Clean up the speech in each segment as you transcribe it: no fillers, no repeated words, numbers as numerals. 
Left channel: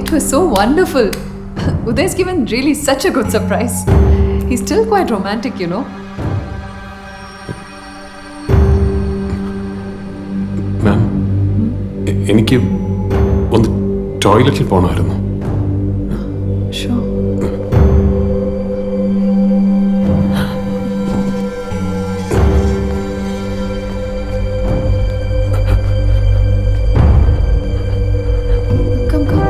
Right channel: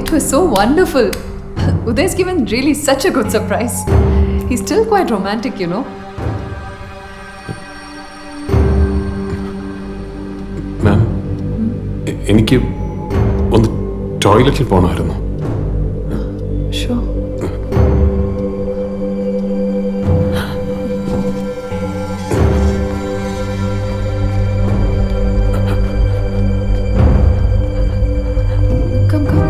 it was so wonderful. Uday's given really such a good surprise. He's still quite romantic, you know. മാം എനിക്ക് ഒന്ന് ടോയ്ലറ്റിൽ പോകണമായിരുന്നു. Sure. Come, come.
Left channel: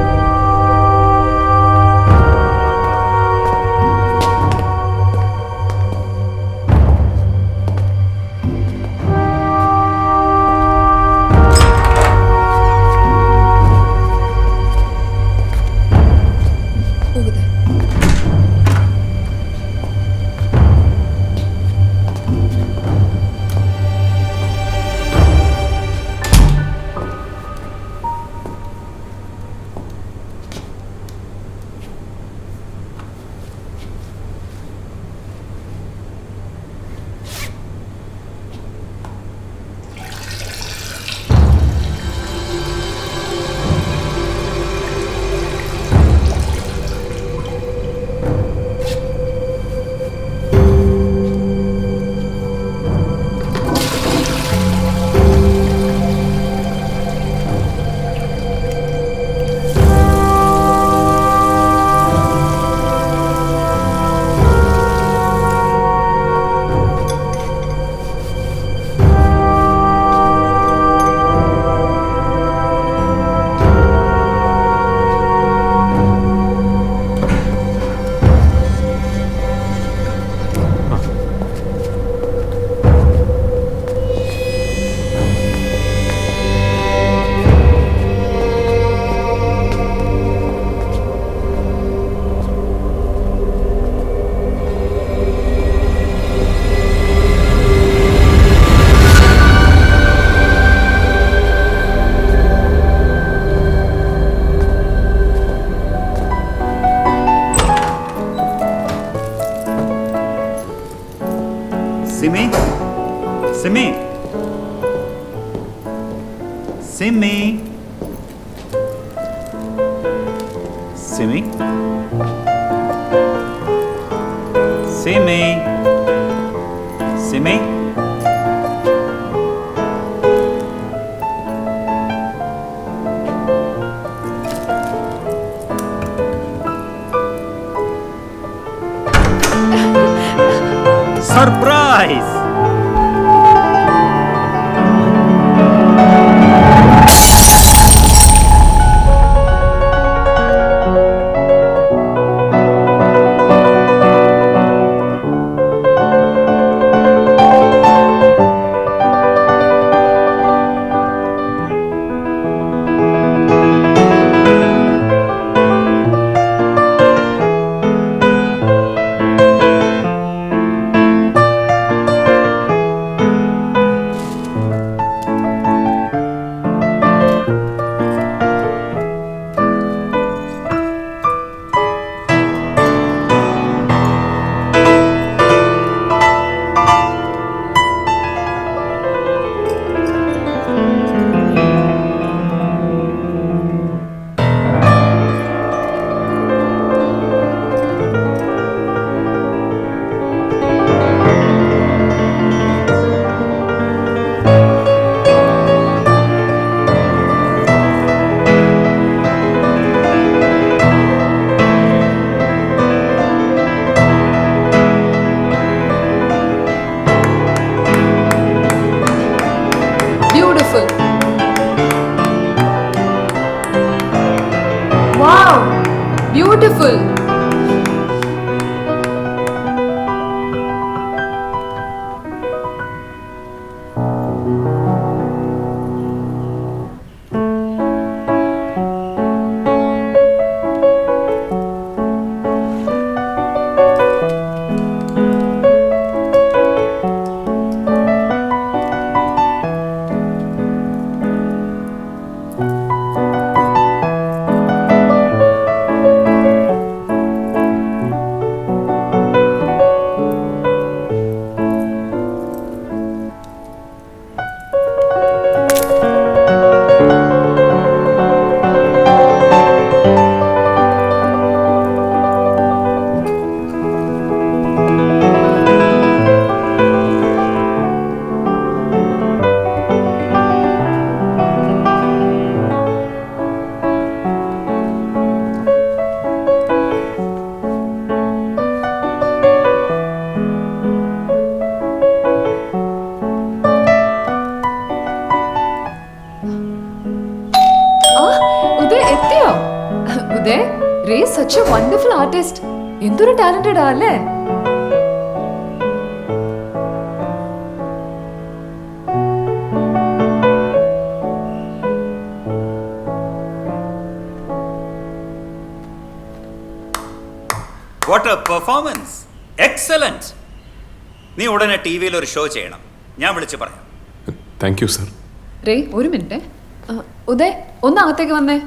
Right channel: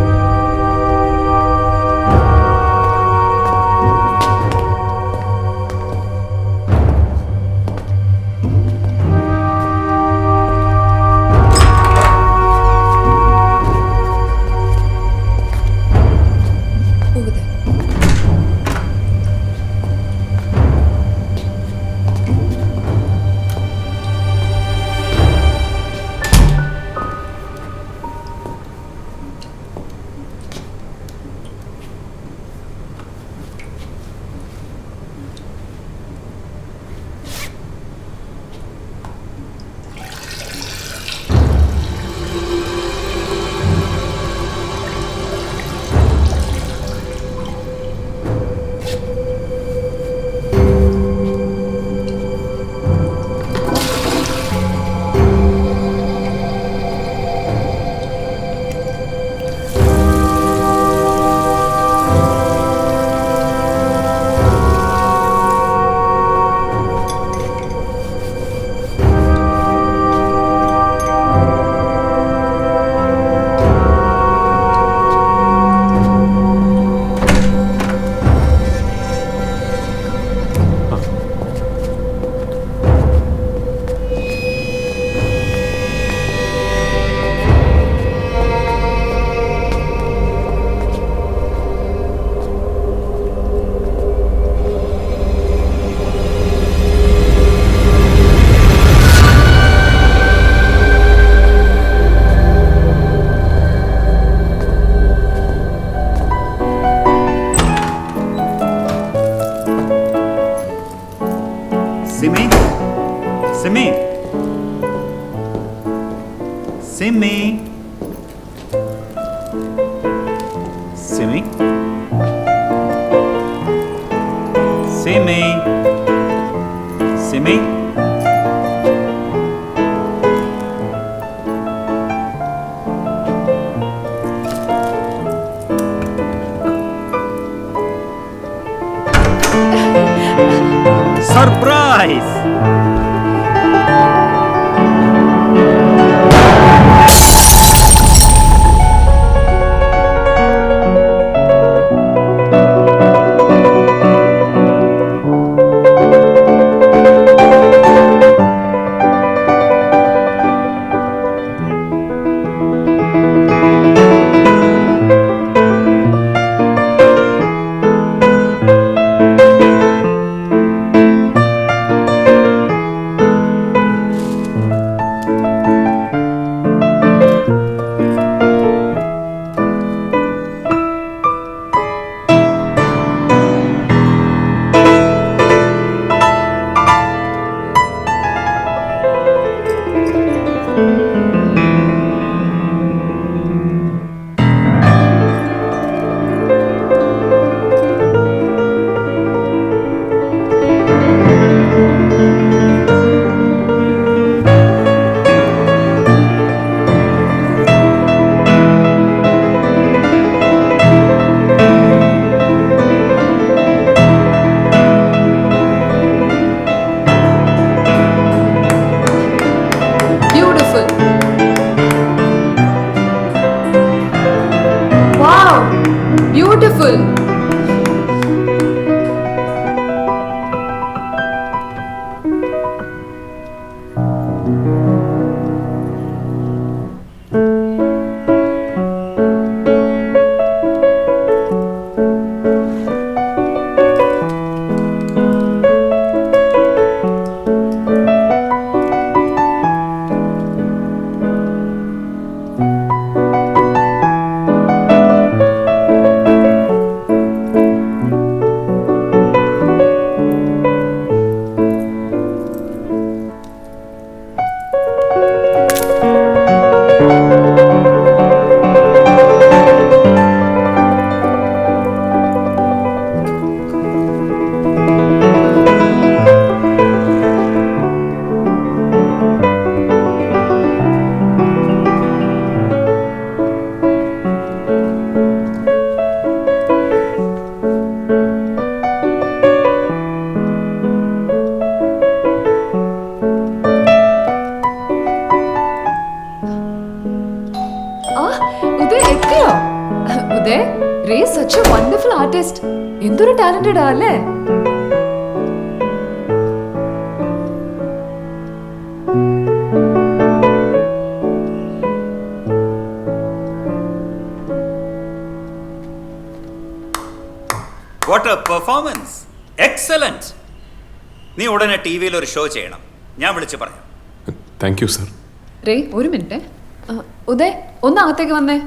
Over there. Simi? Simi? Simi? Simi? Simi? Simi? Surprise! Beautiful. Wow. Beautiful. Uday, Ray is such a wonderful artist. എന്തൊരു talented ആ അല്ലേ? What a performance! Excellent! നീ ഉടനെ T വിയിൽ ഒരു ഷോ ചെയ്യണം. ഞാൻ വിളിച്ച് പറയാം. Thank you sir. റേ ഒരു മിനിറ്റ്. ഉദയ് ഒന്ന് അകത്തേക്ക് വന്നേ.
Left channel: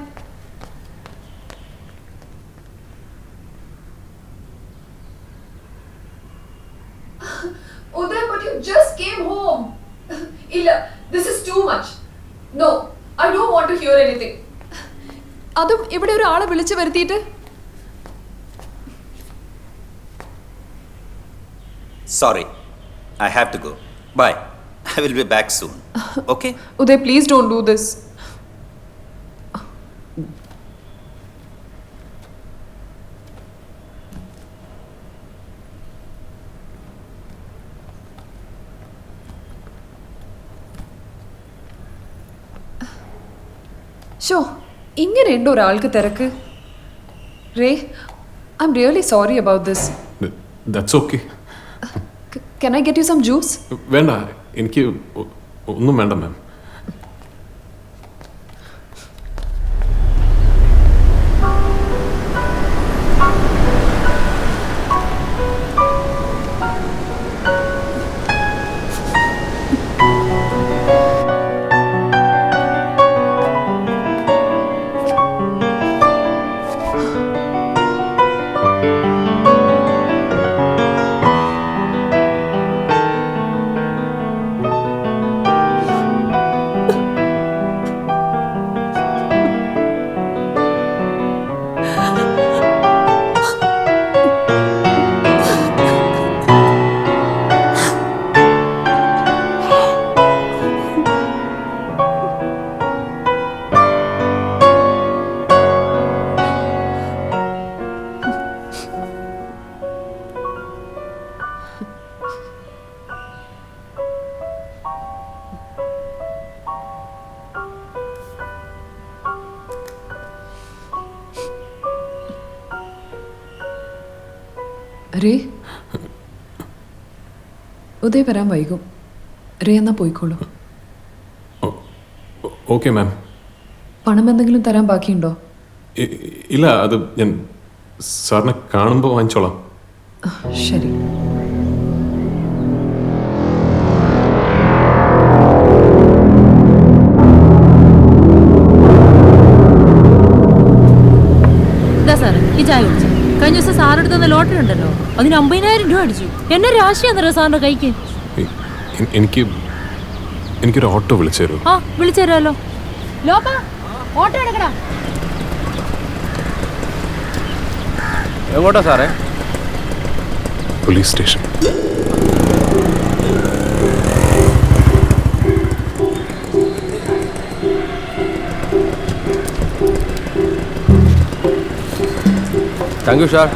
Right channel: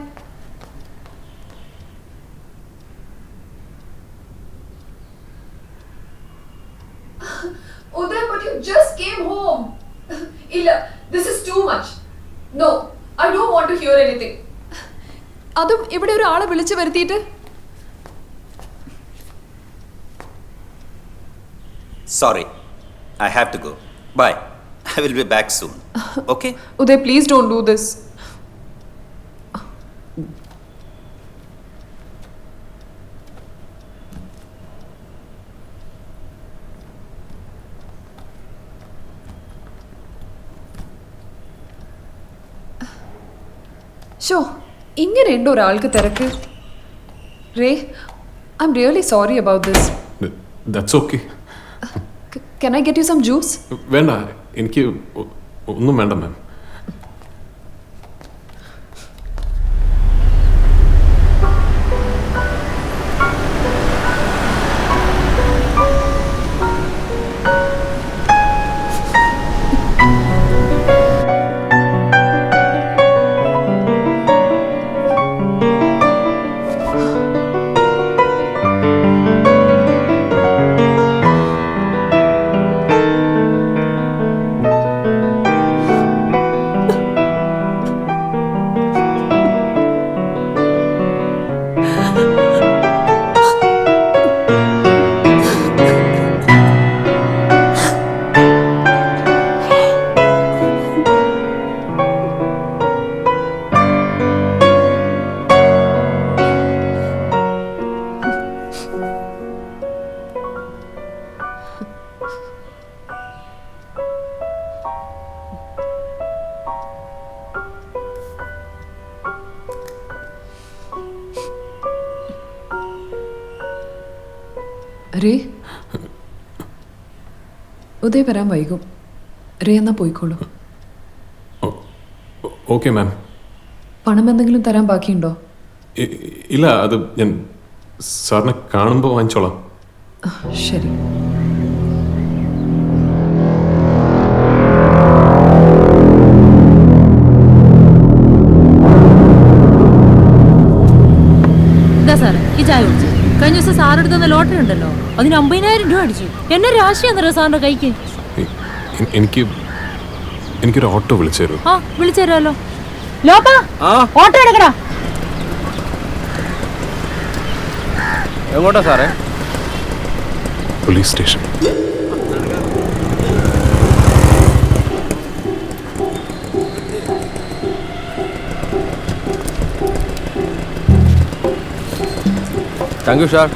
Uday, but you just came home. Illa, this is too much. No, I don't want to hear anything. അതും ഇവിടെ ഒരാളെ വിളിച്ചു വരുത്തിയിട്ട്. Sorry, I have to go. Bye. I will be back soon. Okay? Uday, please don't do this. Show ഇങ്ങനെയുണ്ടോ ഒരാൾക്ക് തിരക്ക്? Ray, I am really sorry about this. That's okay. Can I get you some juice? വേണ്ട, എനിക്ക് ഒന്നും വേണ്ട മാം. Ray, Uday വരാൻ വൈകും. Ray എന്നാ പോയിക്കോളൂ. Okay ma'am. പണം എന്തെങ്കിലും തരാൻ ബാക്കിയുണ്ടോ? ഇല്ല, അത് ഞാൻ സാറിനെ കാണുമ്പോൾ വാങ്ങിച്ചോളാം. ശരി. സാറ് ഈ ചായ കുടിച്ചു. കഴിഞ്ഞ ദിവസം സാറെടുത്തുന്ന ലോട്ടറി ഉണ്ടല്ലോ, അതിന് 50,000 രൂപ അടിച്ചു. എന്നെ രാശിയാന്നറിയോ സാറിന്റെ കൈക്ക്? എനിക്കൊരു ഓട്ടോ വിളിച്ചു തരുമോ? ആ വിളിച്ചു തരാമല്ലോ. ലോപ്പാ, ഓട്ടോ എടുക്കടാ. എങ്ങോട്ടാ സാറേ? Police station. Thank you sir.